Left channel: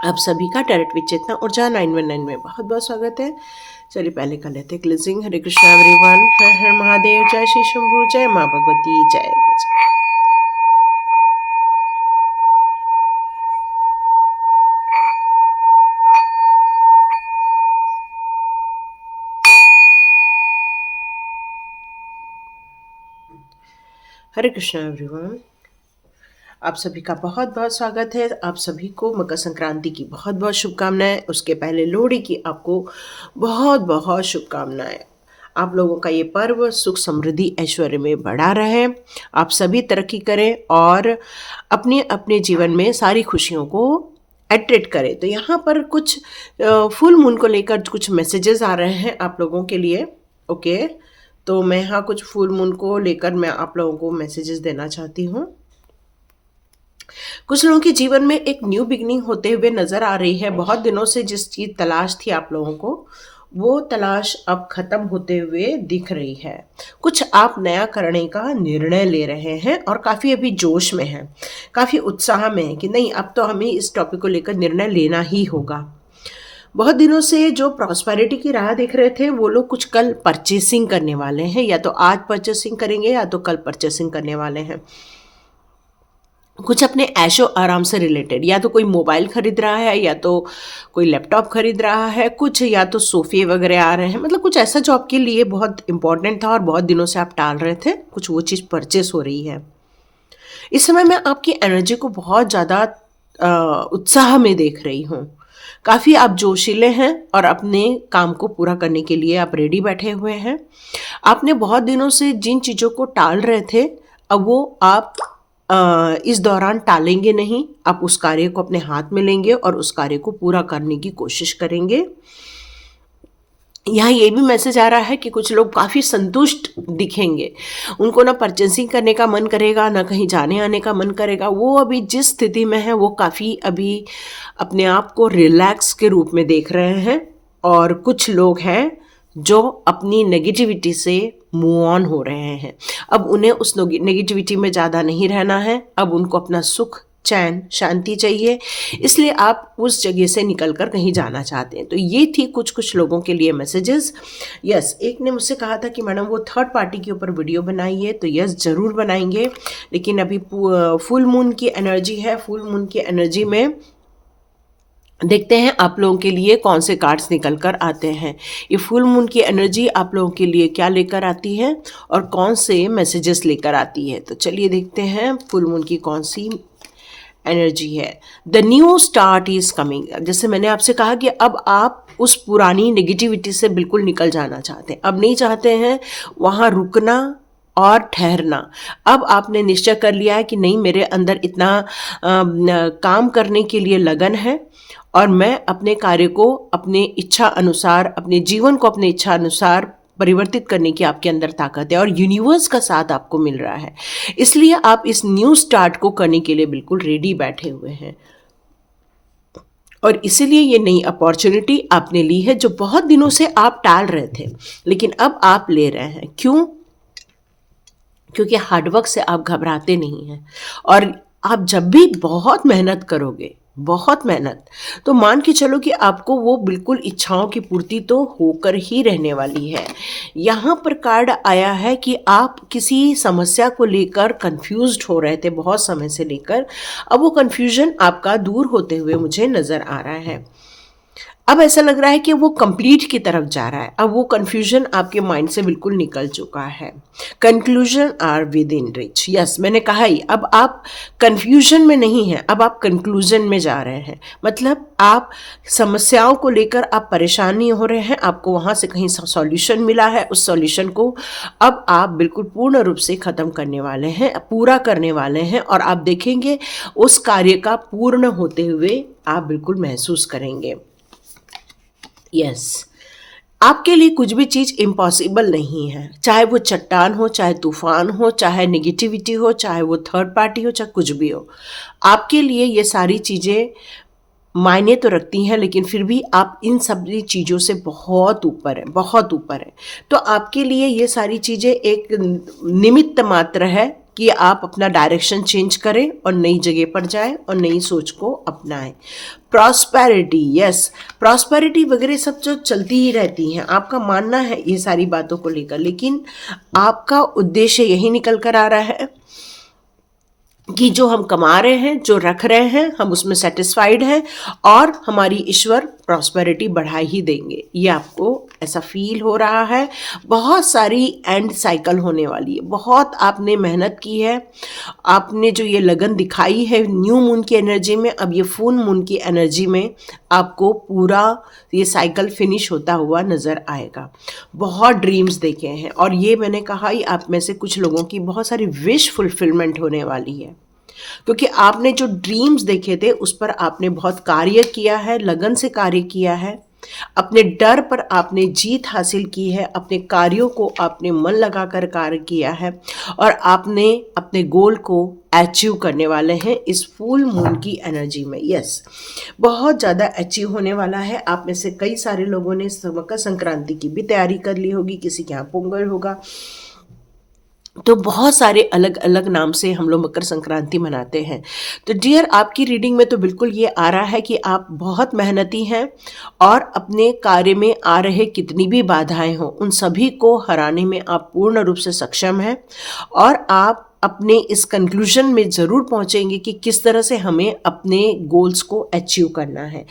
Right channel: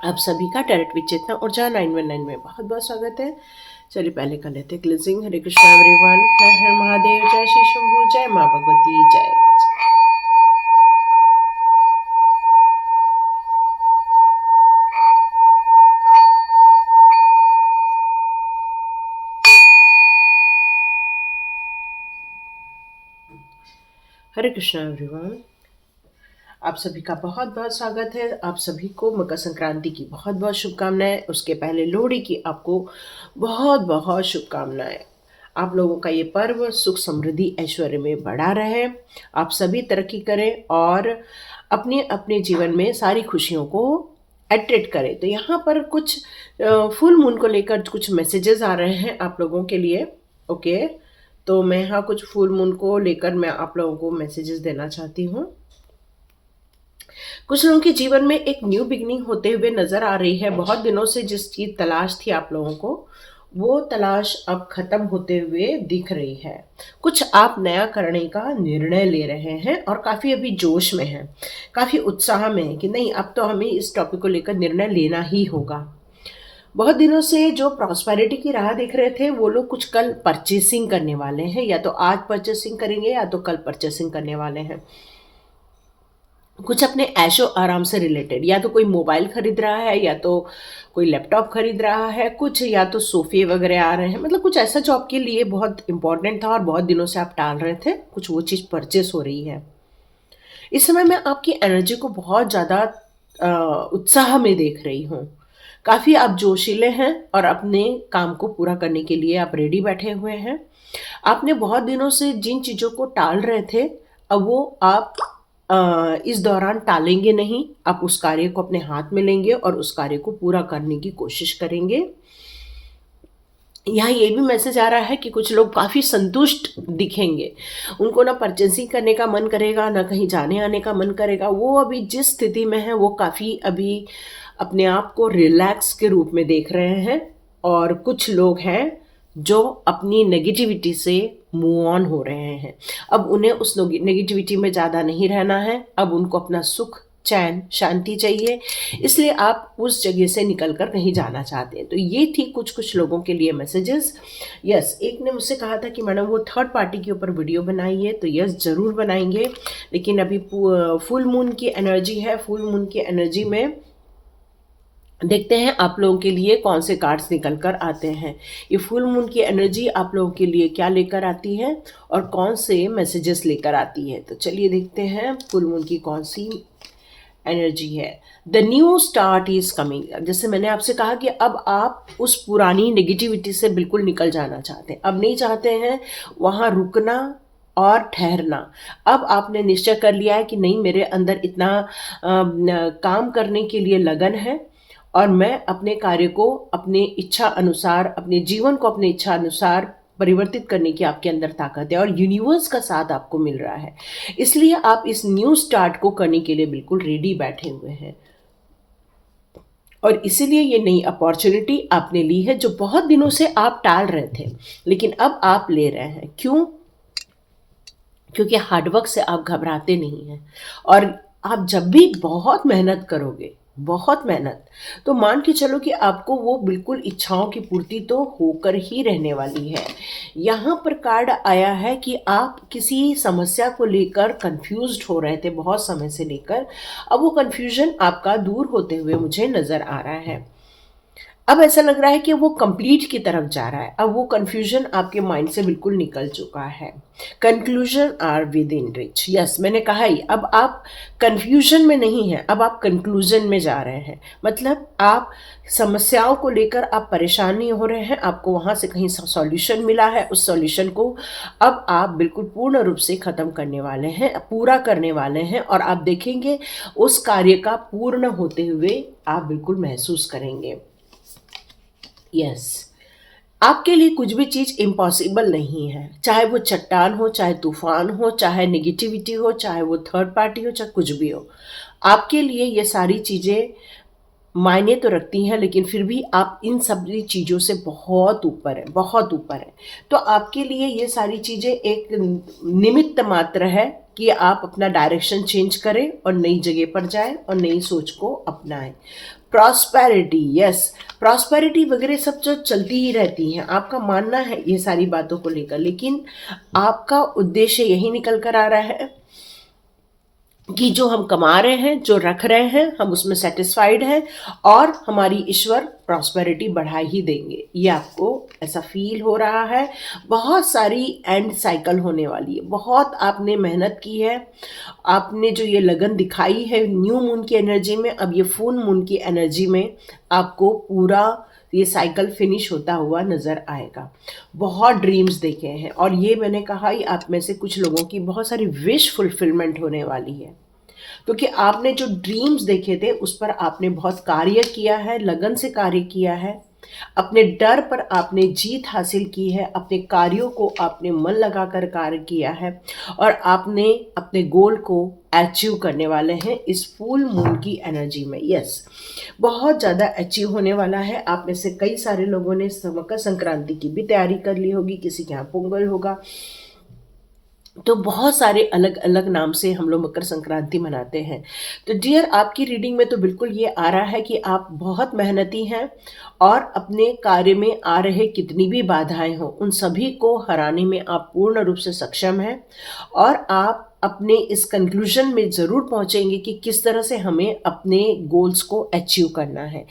आप सभी का डायरेक्ट विद चेतना ऊर्जा 919 में बहुत बहुत स्वागत है। चलिए पहले कर लेते हैं क्लिजिंग। हरे कृष्णा एवरीवन, हर हर महादेव, जय श्री शंभू, जय माँ भगवती, जय गज। हरे कृष्णा एवरीवन, आप सभी का बहुत बहुत स्वागत है। आप सभी को मकर संक्रांति की बहुत बहुत शुभकामनाएं। उसके पहले लोहड़ी की आपको बहुत बहुत शुभकामनाएं। आप लोगों का ये पर्व सुख समृद्धि ऐश्वर्य में बढ़ा रहे, आप सभी तरक्की करें और अपने अपने जीवन में सारी खुशियों को एट्रेक्ट करें। तो यहाँ पर कुछ फुल मून को लेकर कुछ मैसेजेस आ रहे हैं आप लोगों के लिए। ओके, तो मैं यहाँ कुछ फुल मून को लेकर मैं आप लोगों को मैसेजेस देना चाहती हूँ। कुछ लोगों के जीवन में एक न्यू बिगनिंग होते हुए नजर आ रही है। बहुत दिनों से जिस चीज तलाश थी आप लोगों को, वो तलाश अब खत्म होते हुए दिख रही है। कुछ आप नया करने का निर्णय ले रहे हैं और काफ़ी अभी जोश में हैं, काफ़ी उत्साह में हैं कि नहीं, अब तो हमें इस टॉपिक को लेकर निर्णय लेना ही होगा। बहुत दिनों से जो प्रॉस्पेरिटी की राह देख रहे थे वो लोग कुछ कल परचेसिंग करने वाले हैं, या तो आज परचेसिंग करेंगे या तो कल परचेसिंग करने वाले हैं। कुछ अपने ऐशो आराम से रिलेटेड, या तो कोई मोबाइल खरीद रहा है या तो कोई लैपटॉप खरीद रहा है, कुछ या तो सोफे वगैरह आ रहे हैं। मतलब कुछ ऐसा जो आपके लिए बहुत इंपॉर्टेंट था और बहुत दिनों से आप टाल रहे थे, कुछ वो चीज़ परचेस हो रही है। इस समय मैं आपकी एनर्जी को बहुत ज़्यादा उत्साह में देख रही हूँ। काफ़ी आप जोशीले हैं और अपने काम को पूरा करने के लिए आप रेडी बैठे हुए हैं। आपने बहुत दिनों से जिन चीज़ों को टाल रहे थे, अब वो आप इस दौरान टालेंगे नहीं। आप उस कार्य को अपने हाथ में लेंगे और उस कार्य को पूरा करने की कोशिश करेंगे। यहाँ ये भी मैसेज आ रहा है कि कुछ लोग काफ़ी संतुष्ट दिखेंगे। उनको ना परचेसिंग करने का मन करेगा, ना कहीं जाने आने का मन करेगा। वो अभी जिस स्थिति में है वो काफ़ी अभी अपने आप को रिलैक्स के रूप में देख रहे हैं। और कुछ लोग हैं जो अपनी नेगेटिविटी से मूव ऑन हो रहे हैं। अब उन्हें उस नेगेटिविटी में ज़्यादा नहीं रहना है। अब उनको अपना सुख, चैन, शांति चाहिए, इसलिए आप उस जगह से निकलकर कहीं जाना चाहते हैं। तो ये थी कुछ कुछ लोगों के लिए मैसेजेस। यस, एक ने मुझसे कहा था कि मैडम वो थर्ड पार्टी के ऊपर वीडियो बनाइए, तो यस ज़रूर बनाएंगे। लेकिन अभी फुल मून की एनर्जी है। फुल मून की एनर्जी में देखते हैं आप लोगों के लिए कौन से कार्ड्स निकल कर आते हैं। ये फुल मून की एनर्जी आप लोगों के लिए क्या लेकर आती है और कौन से मैसेजेस लेकर आती है। तो चलिए देखते हैं फुल मून की कौन सी एनर्जी है। The new start is coming. जैसे मैंने आपसे कहा कि अब आप उस पुरानी नेगेटिविटी से बिल्कुल निकल जाना चाहते हैं। अब नहीं चाहते हैं वहाँ रुकना और ठहरना। अब आपने निश्चय कर लिया है कि नहीं, मेरे अंदर इतना काम करने के लिए लगन है और मैं अपने कार्य को अपने इच्छा अनुसार, अपने जीवन को अपने इच्छा अनुसार परिवर्तित करने की आपके अंदर ताकत है और यूनिवर्स का साथ आपको मिल रहा है। इसलिए आप इस न्यू स्टार्ट को करने के लिए बिल्कुल रेडी बैठे हुए हैं। और इसीलिए ये नई अपॉर्चुनिटी आपने ली है जो बहुत दिनों से आप टाल रहे थे, लेकिन अब आप ले रहे हैं। क्यों? क्योंकि हार्डवर्क से आप घबराते नहीं हैं। और आप जब भी बहुत मेहनत करोगे, बहुत मेहनत, तो मान के चलो कि आपको वो बिल्कुल इच्छाओं की पूर्ति तो होकर ही रहने वाली है। यहाँ पर कार्ड आया है कि आप किसी समस्या को लेकर कंफ्यूज्ड हो रहे थे बहुत समय से लेकर। अब वो कंफ्यूजन आपका दूर होते हुए मुझे नज़र आ रहा है। अब ऐसा लग रहा है कि वो कंप्लीट की तरफ जा रहा है। अब वो कंफ्यूजन आपके माइंड से बिल्कुल निकल चुका है। Conclusion are within reach. Yes, मैंने कहा ही, अब आप कंफ्यूजन में नहीं हैं, अब आप कंक्लूजन में जा रहे हैं। मतलब आप समस्याओं को लेकर आप परेशान नहीं हो रहे हैं, आपको वहाँ से कहीं सॉल्यूशन मिला है। उस सॉल्यूशन को अब आप बिल्कुल पूर्ण रूप से ख़त्म करने वाले हैं, पूरा करने वाले हैं। और आप देखेंगे उस कार्य का पूर्ण होते हुए आप बिल्कुल महसूस करेंगे। यस, आपके लिए कुछ भी चीज़ इम्पॉसिबल नहीं है। चाहे वो चट्टान हो, चाहे तूफान हो, चाहे नेगेटिविटी हो, चाहे वो थर्ड पार्टी हो, चाहे कुछ भी हो, आपके लिए ये सारी चीज़ें मायने तो रखती हैं, लेकिन फिर भी आप इन सभी चीज़ों से बहुत ऊपर हैं, बहुत ऊपर हैं। तो आपके लिए ये सारी चीज़ें एक निमित्त मात्र है कि आप अपना डायरेक्शन चेंज करें और नई जगह पर जाएं और नई सोच को अपनाएं। प्रॉस्पेरिटी, यस, प्रॉस्पेरिटी वगैरह सब जो चलती ही रहती हैं, आपका मानना है ये सारी बातों को लेकर, लेकिन आपका उद्देश्य यही निकल कर आ रहा है कि जो हम कमा रहे हैं, जो रख रहे हैं, हम उसमें सेटिस्फाइड हैं और हमारी ईश्वर प्रॉस्पेरिटी बढ़ा ही देंगे। ये आपको ऐसा फील हो रहा है। बहुत सारी एंड साइकिल होने वाली है। बहुत आपने मेहनत की है, आपने जो ये लगन दिखाई है न्यू मून की एनर्जी में, अब ये फुल मून की एनर्जी में आपको पूरा ये साइकिल फिनिश होता हुआ नज़र आएगा। बहुत ड्रीम्स देखे हैं और ये मैंने कहा ही आप में से कुछ लोगों की बहुत सारी विश फुलफिलमेंट होने वाली है, क्योंकि आपने जो ड्रीम्स देखे थे उस पर आपने बहुत कार्य किया है, लगन से कार्य किया है, अपने डर पर आपने जीत हासिल की है, अपने कार्यों को आपने मन लगाकर कार्य किया है और आपने अपने गोल को अचीव करने वाले हैं इस फुल मून की एनर्जी में। यस, बहुत ज़्यादा अचीव होने वाला है। आप में से कई सारे लोगों ने मकर संक्रांति की भी तैयारी कर ली होगी, किसी के यहाँ पोंगल होगा, तो बहुत सारे अलग अलग नाम से हम लोग मकर संक्रांति मनाते हैं। तो डियर, आपकी रीडिंग में तो बिल्कुल ये आ रहा है कि आप बहुत मेहनती हैं और अपने कार्य में आ रहे कितनी भी बाधाएं हों उन सभी को हराने में आप पूर्ण रूप से सक्षम हैं और आप अपने इस कंक्लूजन में ज़रूर पहुंचेंगे कि किस तरह से हमें अपने गोल्स को अचीव करना है।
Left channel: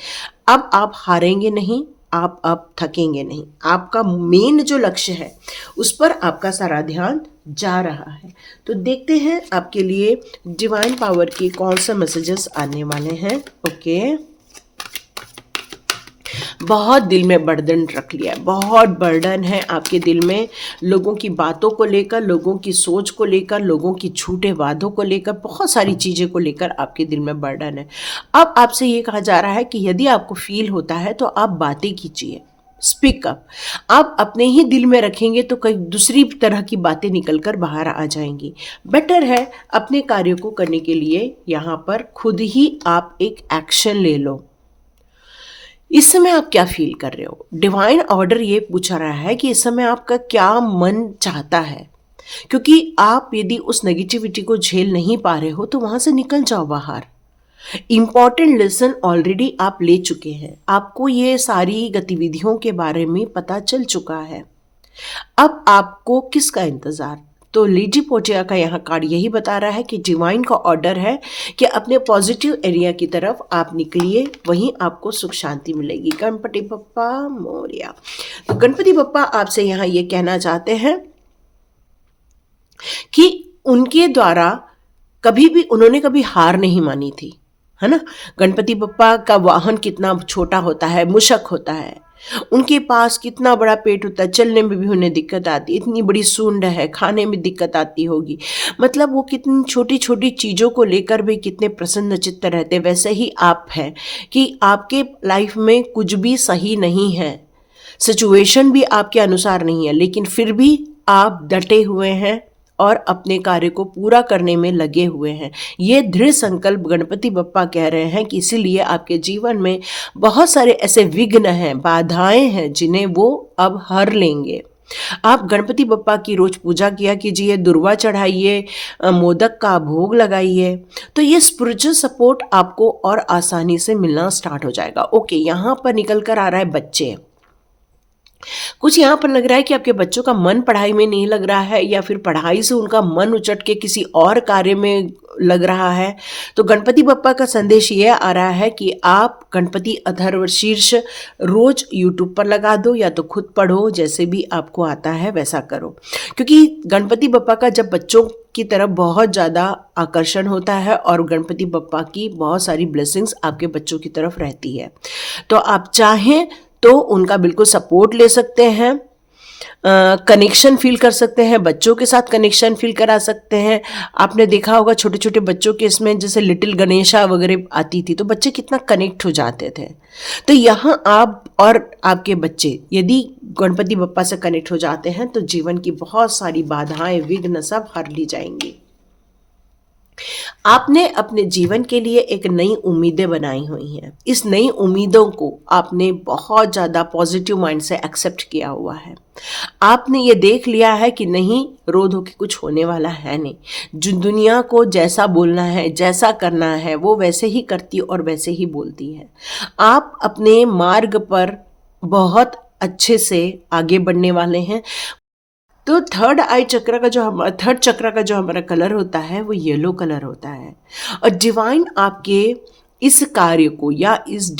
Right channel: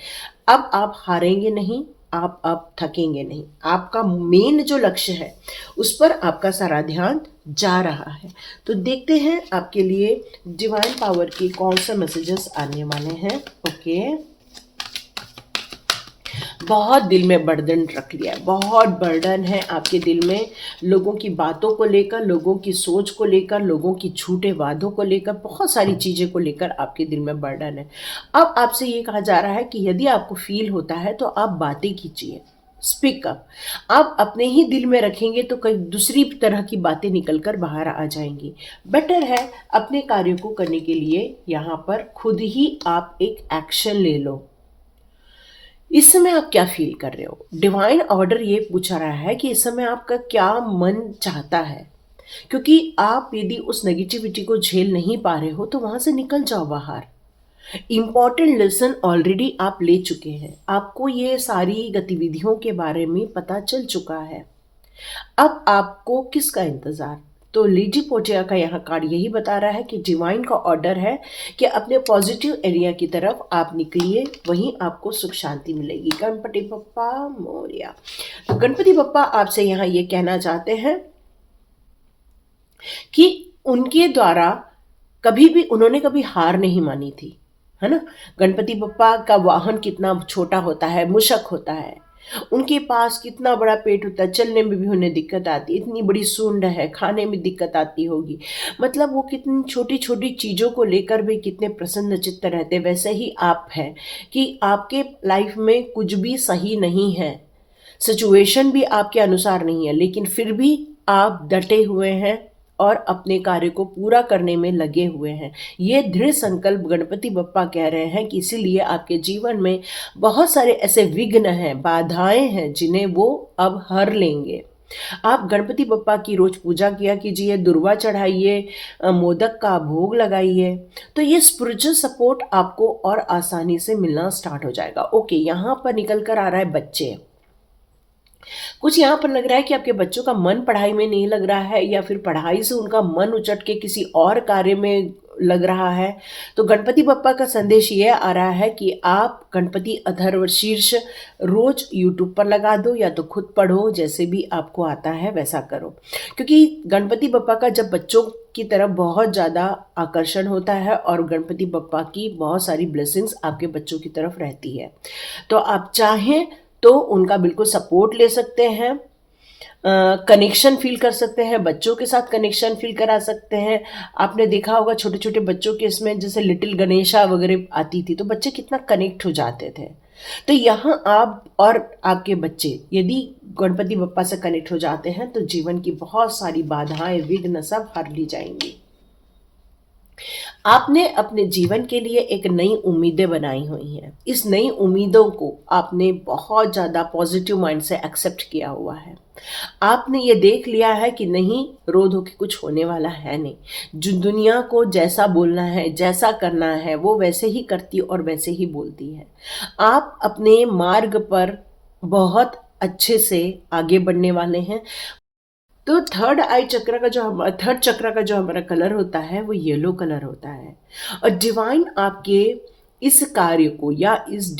अब आप हारेंगे नहीं, आप अब थकेंगे नहीं। आपका मेन जो लक्ष्य है उस पर आपका सारा ध्यान जा रहा है। तो देखते हैं आपके लिए डिवाइन पावर की कौन से मैसेजेस आने वाले हैं। ओके, बहुत दिल में बर्डन रख लिया है, बहुत बर्डन है आपके दिल में, लोगों की बातों को लेकर, लोगों की सोच को लेकर, लोगों की झूठे वादों को लेकर, बहुत सारी चीज़ें को लेकर आपके दिल में बर्डन है। अब आपसे ये कहा जा रहा है कि यदि आपको फील होता है तो आप बातें कीजिए, स्पीक अप। आप अपने ही दिल में रखेंगे तो कई दूसरी तरह की बातें निकलकर बाहर आ जाएंगी। बेटर है अपने कार्यों को करने के लिए यहाँ पर खुद ही आप एक एक्शन ले लो। इस समय आप क्या फील कर रहे हो? डिवाइन ऑर्डर ये पूछा रहा है कि इस समय आपका क्या मन चाहता है, क्योंकि आप यदि उस नेगेटिविटी को झेल नहीं पा रहे हो तो वहां से निकल जाओ बाहर। इंपॉर्टेंट लेसन ऑलरेडी आप ले चुके हैं, आपको ये सारी गतिविधियों के बारे में पता चल चुका है। अब आपको किसका इंतज़ार? तो लेडी पोर्टिया का यहाँ कार्ड यही बता रहा है कि डिवाइन का ऑर्डर है कि अपने पॉजिटिव एरिया की तरफ आप निकलिए, वहीं आपको सुख शांति मिलेगी। गणपति बप्पा मोरिया। तो गणपति बप्पा आपसे यहाँ ये कहना चाहते हैं कि उनके द्वारा उन्होंने कभी हार नहीं मानी थी, है ना। गणपति बप्पा का वाहन कितना छोटा होता है, मूषक होता है, उनके पास कितना बड़ा पेट होता है, चलने में भी उन्हें दिक्कत आती, इतनी बड़ी सूंड है, खाने में दिक्कत आती होगी। मतलब वो कितनी छोटी छोटी चीज़ों को लेकर भी कितने प्रसन्न चित्त रहते। वैसे ही आप हैं कि आपके लाइफ में कुछ भी सही नहीं है, सिचुएशन भी आपके अनुसार नहीं है, लेकिन फिर भी आप डटे हुए हैं और अपने कार्य को पूरा करने में लगे हुए हैं। ये दृढ़ संकल्प गणपति बप्पा कह रहे हैं कि इसीलिए आपके जीवन में बहुत सारे ऐसे विघ्न हैं, बाधाएं हैं, जिन्हें वो अब हर लेंगे। आप गणपति बप्पा की रोज पूजा किया कीजिए, दुर्वा चढ़ाइए, मोदक का भोग लगाइए, तो ये स्पिरिचुअल सपोर्ट आपको और आसानी से मिलना स्टार्ट हो जाएगा। ओके, यहाँ पर निकल कर आ रहा है बच्चे। कुछ यहाँ पर लग रहा है कि आपके बच्चों का मन पढ़ाई में नहीं लग रहा है, या फिर पढ़ाई से उनका मन उचट के किसी और कार्य में लग रहा है। तो गणपति बप्पा का संदेश ये आ रहा है कि आप गणपति अथर्व शीर्ष रोज यूट्यूब पर लगा दो, या तो खुद पढ़ो, जैसे भी आपको आता है वैसा करो। क्योंकि गणपति बप्पा का जब बच्चों की तरफ बहुत ज़्यादा आकर्षण होता है और गणपति बप्पा की बहुत सारी ब्लेसिंग्स आपके बच्चों की तरफ रहती है, तो आप चाहें तो उनका बिल्कुल सपोर्ट ले सकते हैं, कनेक्शन फील कर सकते हैं, बच्चों के साथ कनेक्शन फील करा सकते हैं। आपने देखा होगा छोटे छोटे बच्चों के इसमें जैसे लिटिल गणेशा वगैरह आती थी, तो बच्चे कितना कनेक्ट हो जाते थे। तो यहाँ आप और आपके बच्चे यदि गणपति बप्पा से कनेक्ट हो जाते हैं तो जीवन की बहुत सारी बाधाएं, विघ्न सब हर ली जाएंगी। आपने अपने जीवन के लिए एक नई उम्मीदें बनाई हुई हैं। इस नई उम्मीदों को आपने बहुत ज़्यादा पॉजिटिव माइंड से एक्सेप्ट किया हुआ है। आपने ये देख लिया है कि नहीं, रो धो के कुछ होने वाला है नहीं। जो दुनिया को जैसा बोलना है, जैसा करना है, वो वैसे ही करती और वैसे ही बोलती है। आप अपने मार्ग पर बहुत अच्छे से आगे बढ़ने वाले हैं। तो थर्ड चक्र का जो हमारा कलर होता है वो येलो कलर होता है। और डिवाइन आपके इस कार्य को या इस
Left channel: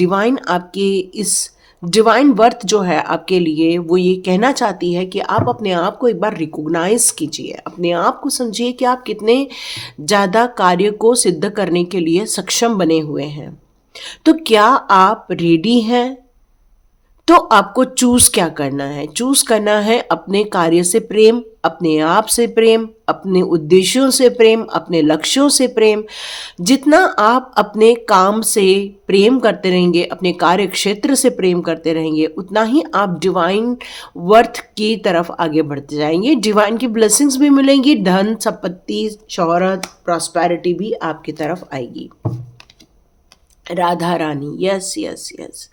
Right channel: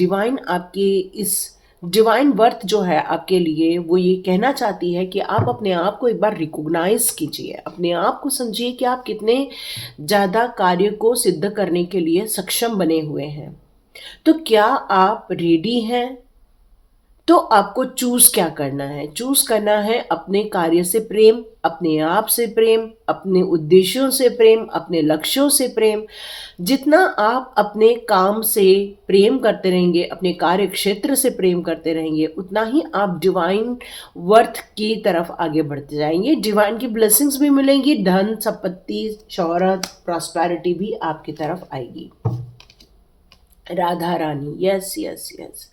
डिवाइन वर्थ जो है आपके लिए, वो ये कहना चाहती है कि आप अपने आप को एक बार रिकॉग्नाइज कीजिए, अपने आप को समझिए कि आप कितने ज़्यादा कार्य को सिद्ध करने के लिए सक्षम बने हुए हैं। तो क्या आप रेडी हैं? तो आपको चूज क्या करना है? चूज करना है अपने कार्य से प्रेम, अपने आप से प्रेम, अपने उद्देश्यों से प्रेम, अपने लक्ष्यों से प्रेम। जितना आप अपने काम से प्रेम करते रहेंगे, अपने कार्य क्षेत्र से प्रेम करते रहेंगे, उतना ही आप डिवाइन वर्थ की तरफ आगे बढ़ते जाएंगे। डिवाइन की ब्लेसिंग्स भी मिलेंगी, धन संपत्ति शोहरत प्रॉस्पेरिटी भी आपकी तरफ आएगी। Radha Rani, yes yes yes.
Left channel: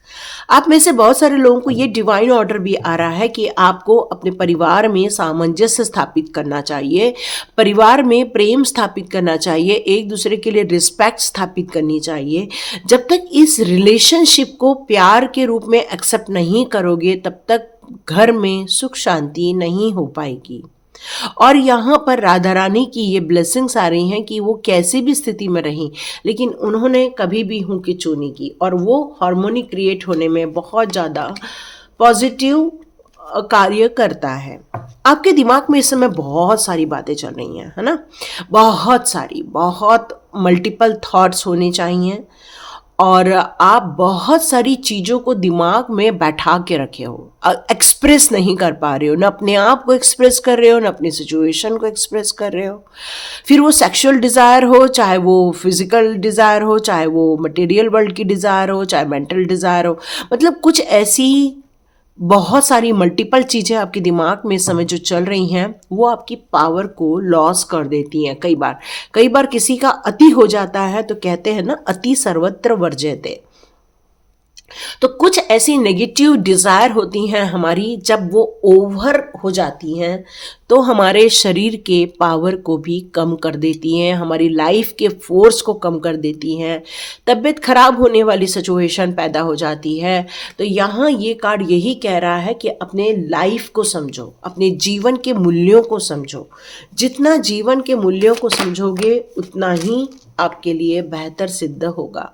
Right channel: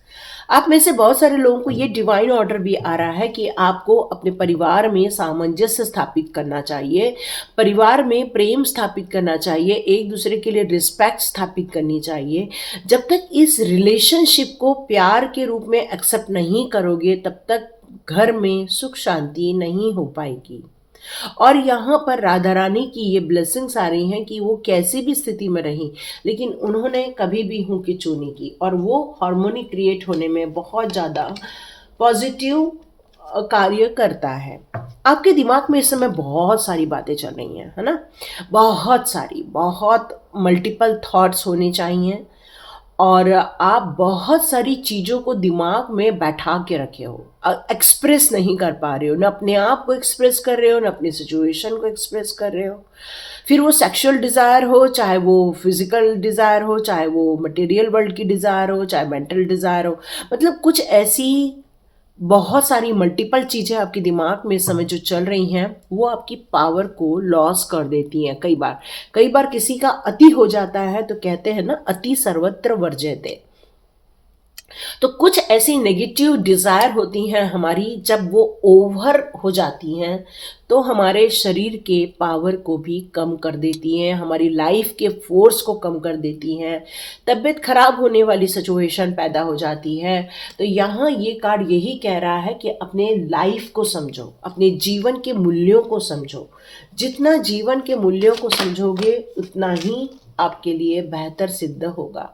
आप में से बहुत सारे लोगों को ये डिवाइन ऑर्डर भी आ रहा है कि आपको अपने परिवार में सामंजस्य स्थापित करना चाहिए, परिवार में प्रेम स्थापित करना चाहिए, एक दूसरे के लिए रिस्पेक्ट स्थापित करनी चाहिए। जब तक इस रिलेशनशिप को प्यार के रूप में एक्सेप्ट नहीं करोगे, तब तक घर में सुख शांति नहीं हो पाएगी। और यहाँ पर राधा रानी की ये ब्लेसिंग्स आ रही हैं कि वो कैसी भी स्थिति में रहीं, लेकिन उन्होंने कभी भी हूँ की चू नहीं की, और वो हार्मोनी क्रिएट होने में बहुत ज़्यादा पॉजिटिव कार्य करता है। आपके दिमाग में इस समय बहुत सारी बातें चल रही हैं, है ना? बहुत मल्टीपल थॉट्स होने चाहिए, और आप बहुत सारी चीज़ों को दिमाग में बैठा के रखे हो, एक्सप्रेस नहीं कर पा रहे हो, ना अपने आप को एक्सप्रेस कर रहे हो, ना अपनी सिचुएशन को एक्सप्रेस कर रहे हो। फिर वो सेक्सुअल डिज़ायर हो, चाहे वो फिजिकल डिज़ायर हो, चाहे वो मटेरियल वर्ल्ड की डिज़ायर हो, चाहे मेंटल डिज़ायर हो, मतलब कुछ ऐसी बहुत सारी मल्टीपल चीज़ें आपके दिमाग में इस समय जो चल रही हैं, वो आपकी पावर को लॉस कर देती हैं। कई बार किसी का अति हो जाता है, तो कहते हैं ना, अति सर्वत्र वर्ज्यते। तो कुछ ऐसी नेगेटिव डिज़ायर होती हैं हमारी, जब वो ओवर हो जाती हैं तो हमारे शरीर के पावर को भी कम कर देती हैं, हमारी लाइफ के फोर्स को कम कर देती हैं, तबीयत खराब होने वाली सिचुएशन पैदा हो जाती है। तो यहाँ ये कार्ड यही कह रहा है कि अपने लाइफ को समझो, अपने जीवन के मूल्यों को समझो। जितना जीवन के मूल्यों को समझोगे, उतना ही आपके लिए बेहतर सिद्ध होगा।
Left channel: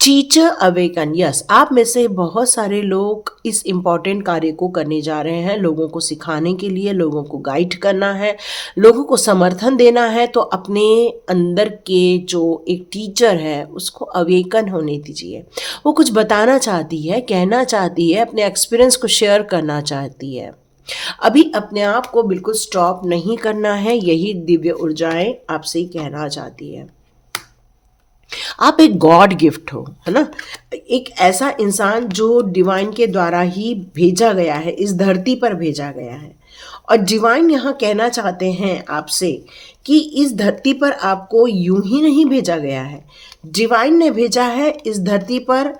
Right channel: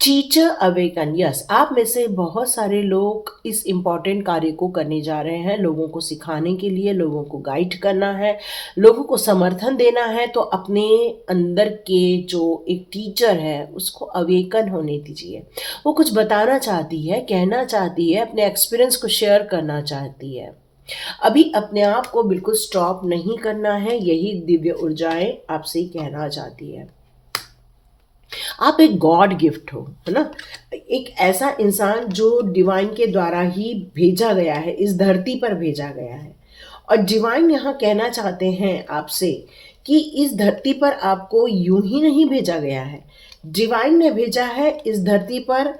टीचर अवेकन, यस, आप में से बहुत सारे लोग इस इम्पॉर्टेंट कार्य को करने जा रहे हैं। लोगों को सिखाने के लिए, लोगों को गाइड करना है, लोगों को समर्थन देना है। तो अपने अंदर के जो एक टीचर है, उसको अवेकन होने दीजिए। वो कुछ बताना चाहती है, कहना चाहती है, अपने एक्सपीरियंस को शेयर करना चाहती है। अभी अपने आप को बिल्कुल स्टॉप नहीं करना है, यही दिव्य ऊर्जाएं आपसे ही कहना चाहती है। आप एक गॉड गिफ्ट हो, है ना? एक ऐसा इंसान जो डिवाइन के द्वारा ही भेजा गया है, इस धरती पर भेजा गया है। और डिवाइन यहाँ कहना चाहते हैं आपसे कि इस धरती पर आपको यूं ही नहीं भेजा गया है। डिवाइन ने भेजा है इस धरती पर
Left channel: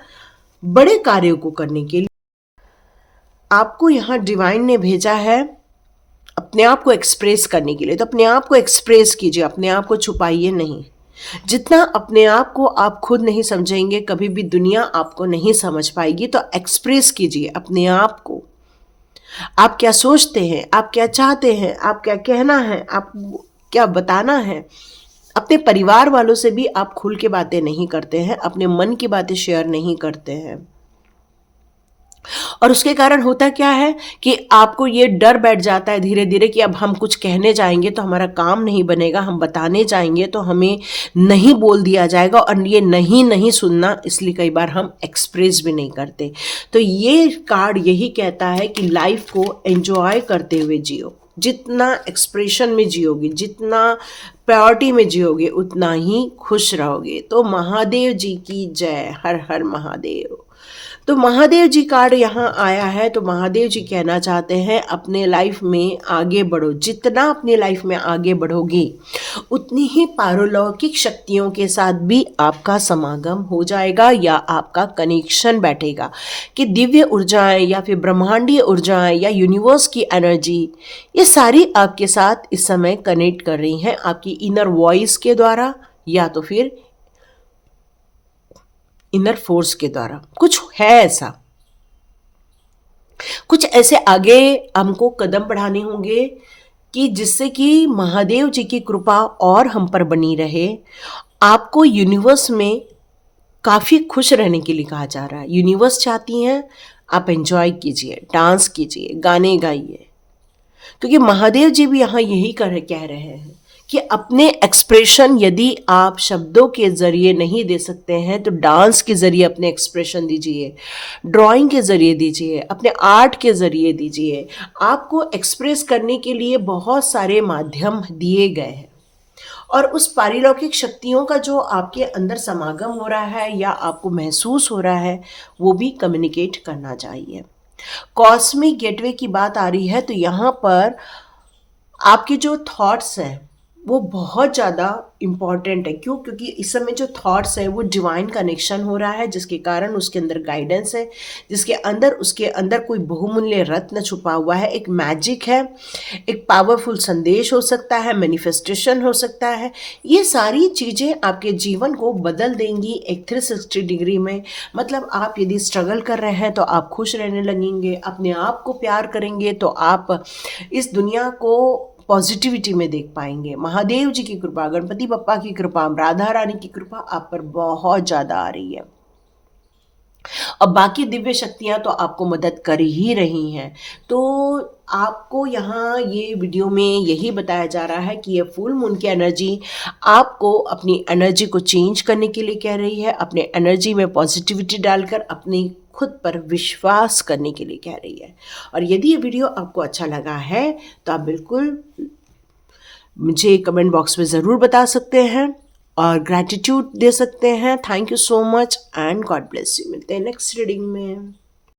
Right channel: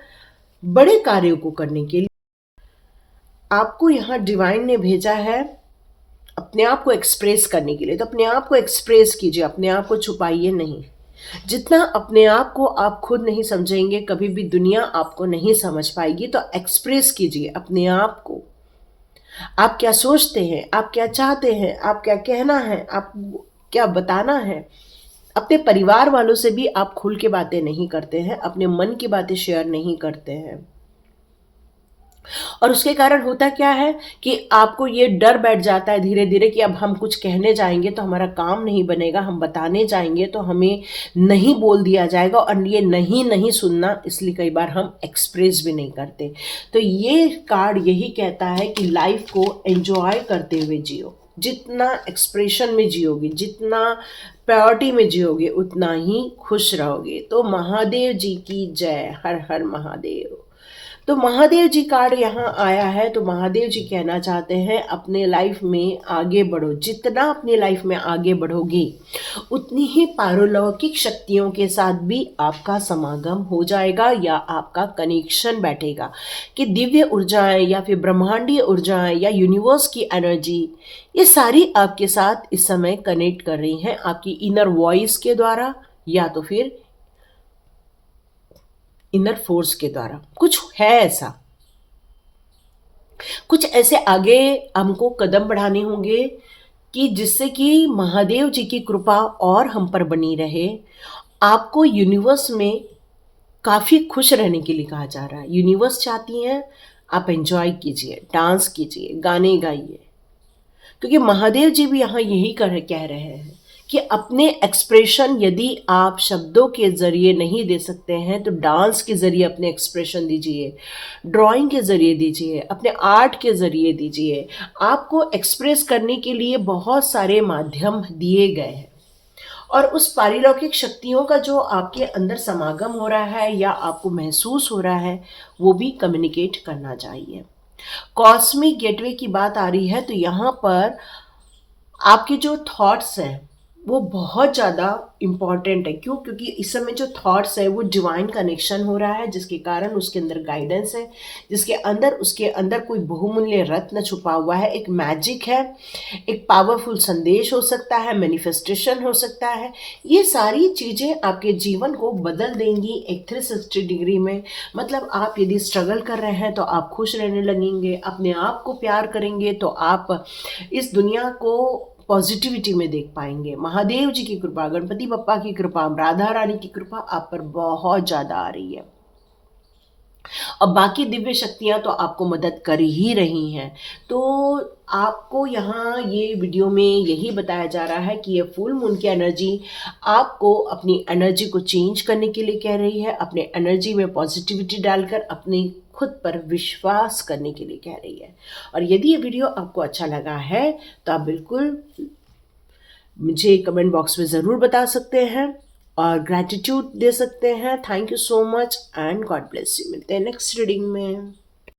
बड़े कार्यों को करने के लिए। आपको यहाँ डिवाइन ने भेजा है अपने आप को एक्सप्रेस करने के लिए। तो अपने आप को एक्सप्रेस कीजिए, अपने आप को छुपाइए नहीं। जितना अपने आप को आप खुद नहीं समझेंगे, कभी भी दुनिया आपको नहीं समझ पाएगी। तो एक्सप्रेस कीजिए अपने आप को। आप क्या सोचते हैं, आप क्या चाहते हैं, आप क्या कहना है, आप क्या बताना है। अपने परिवार वालों से भी आप खुल के बातें नहीं करते हैं, अपने मन की बातें शेयर नहीं करते हैं। और उसके कारण होता क्या है कि आपको ये डर बैठ जाता है धीरे धीरे कि अब हम कुछ कहने जाएंगे तो हमारा काम नहीं बनेगा, हम बताने जाएंगे तो हमें नहीं बोल दिया जाएगा, और ये नहीं नहीं सुनना, इसलिए कई बार हम एक्सप्रेस भी नहीं करते। तो ये कार्ड यही कहता है कि लाइफ को एंजॉय करते हुए जियो। जितना एक्सप्रेशन में जियोगे, जितना प्रायोरिटी में जियोगे, उतना ही खुश रहोगे। तो महादेव जी की जय। हर हर महादेव। तो महादेव जी कार्ड यहाँ आया है, तो महादेव जी कहना चाहते हैं अपने लाइफ में आगे बढ़ो। जितना अपनी लाइफ में आगे बढ़ोगे उतनी ही पारलौकिक शक्तियों के साथ भी आपका समागम हो जाएगा या आपका कनेक्शन बैठेगा कि दिव्य ऊर्जाएं या फिर ब्रह्मांडीय ऊर्जाएं या यूनिवर्स की एनर्जी, ये सारी आपके साथ इस समय कनेक्ट कर रही हैं आपकी इनर वॉइस के द्वारा या तो फिर इनर फोर्स के द्वारा। कुछ है ऐसा, कुछ ऐसे आगे हमको कदम बढ़ाने होंगे कि जिससे कि महादेव जी की कृपा और हम पर बनी रहे। आपको यूनिवर्स में काफ़ी खुश रहने के लिए कहा जा रहा है। यूनिवर्स चाहती हैं आप एंजॉय कीजिए, डांस कीजिए, गाने गाइए, क्योंकि महादेव जी भी यहाँ यही कह रहे हैं कि अपने एक्सप्रेशन यदि आप शब्दों के ज़रिए नहीं दे सकते हैं तो डांस के ज़रिए अपने एक्सप्रेशन दीजिए, ड्राइंग के ज़रिए दीजिए, अपने आर्ट के ज़रिए दीजिए। आपको एक्सप्रेस करने के लिए बहुत सारे माध्यम दिए गए हैं और उस पारिलौकिक शक्तियों का जो आपके अंदर समागम हो रहा है या आपको महसूस हो रहा है वो भी कम्युनिकेट करना चाहिए। कॉस्मिक गेटवे की बात आ रही है तो यहाँ पर आपके जो थॉट्स हैं वो बहुत ज़्यादा इम्पॉर्टेंट है। क्यों? क्योंकि इस समय जो थॉट्स है वो डिवाइन कनेक्शन हो रहा है, जिसके कारण उसके अंदर गाइडेंस है, जिसके अंदर उसके अंदर कोई बहुमूल्य रत्न छुपा हुआ है, एक मैजिक है, एक पावरफुल संदेश हो सकता है, मैनिफेस्टेशन हो सकता है। ये सारी चीज़ें आपके जीवन को बदल देंगी एक 360 डिग्री में। मतलब आप यदि स्ट्रगल कर रहे हैं तो आप खुश रहने लगेंगे, अपने आप को प्यार करेंगे तो आप इस दुनिया को पॉजिटिविटी में देख पाएंगे। महादेव जी की कृपा, गणपति बप्पा की कृपा, राधा रानी की कृपा आप पर बहुत ज़्यादा आ रही है और बाकी दिव्य शक्तियाँ तो आपको मदद कर ही रही हैं। तो आपको यहाँ ये वीडियो में यही बताया जा रहा है कि ये फुल मून की एनर्जी आपको अपनी एनर्जी को चेंज करने के लिए कह रही है, अपने एनर्जी में पॉजिटिविटी डालकर अपनी खुद पर विश्वास करने के लिए कह रही है। और यदि ये वीडियो आपको अच्छा लगा है तो आप बिल्कुल मुझे कमेंट बॉक्स में ज़रूर बता सकते हैं और ग्रैटिट्यूड दे सकते हैं। Thank you so much and God bless you. मिलते हैं नेक्स्ट रीडिंग में।